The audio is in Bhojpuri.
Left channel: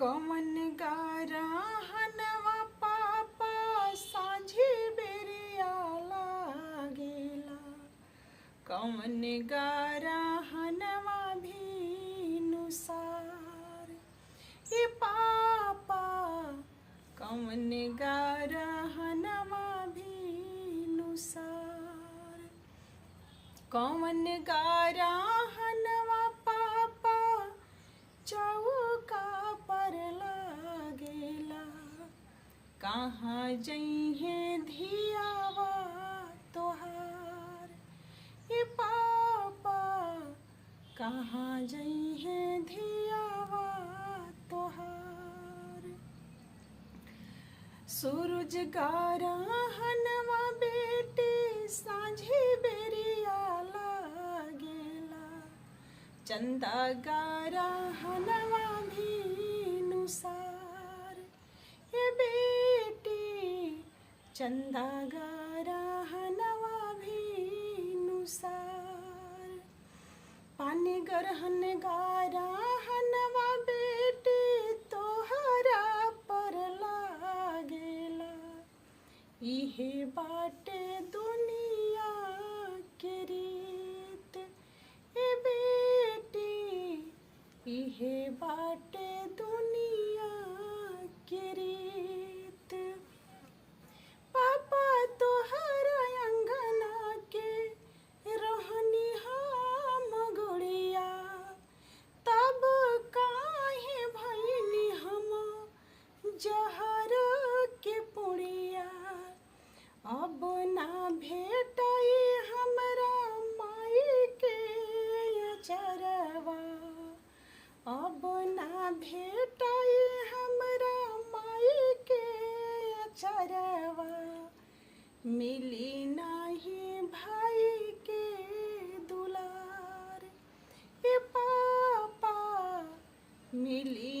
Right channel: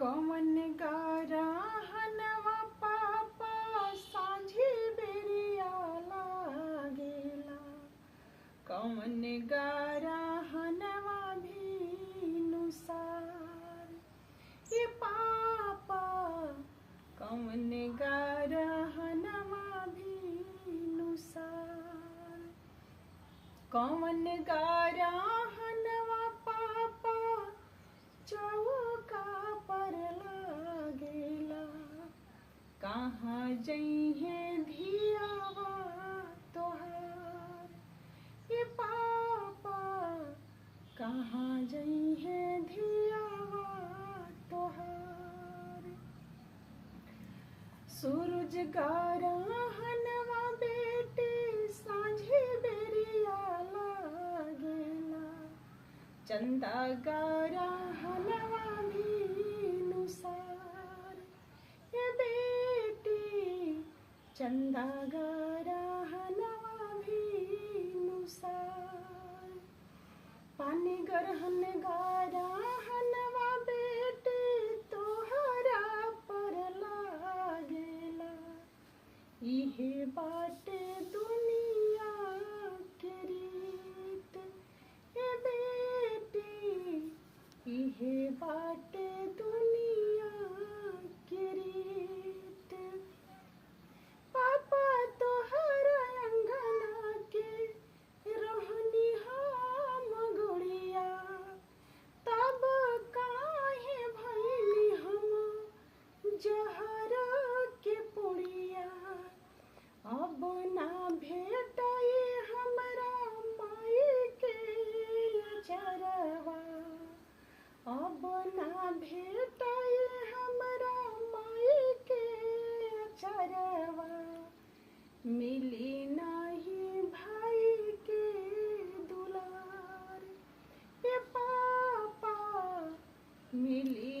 कौन गारा हनवा पापा सांझी बेरिया लागेला। कौन गारा हनवा भीनुसार ये पापा। कौन गारा हनवा भीनुसार। कौन गारा हनवा पापा चौका पर लागेला। कहाँ जइहे धियावा तोहार ये पापा। कहाँ जइहे धियावा तोहार। सूरज गारा हनवा बेटे सांझी बेरिया लागेला। चंदा गारा हनवा भीनुसार ये बेटी। चंदा गारा हनवा भीनुसार। पानी गरहन गारा हनवा बेटी तोहरा पर लागेला। इहे बाटे दुनिया के रीत ए बेटी। इहे बाटे दुनिया के रीत। पापा तोहरा अंगना के रहनी हम गुड़िया। तब काहे भइनी हम जहर के पुड़िया। अब ना भेटाई हमरा माई के अचरवा। अब ना भेटाई हमरा माई के अचरवा। मिली नाही भाई के दुलार ए पापा। मिली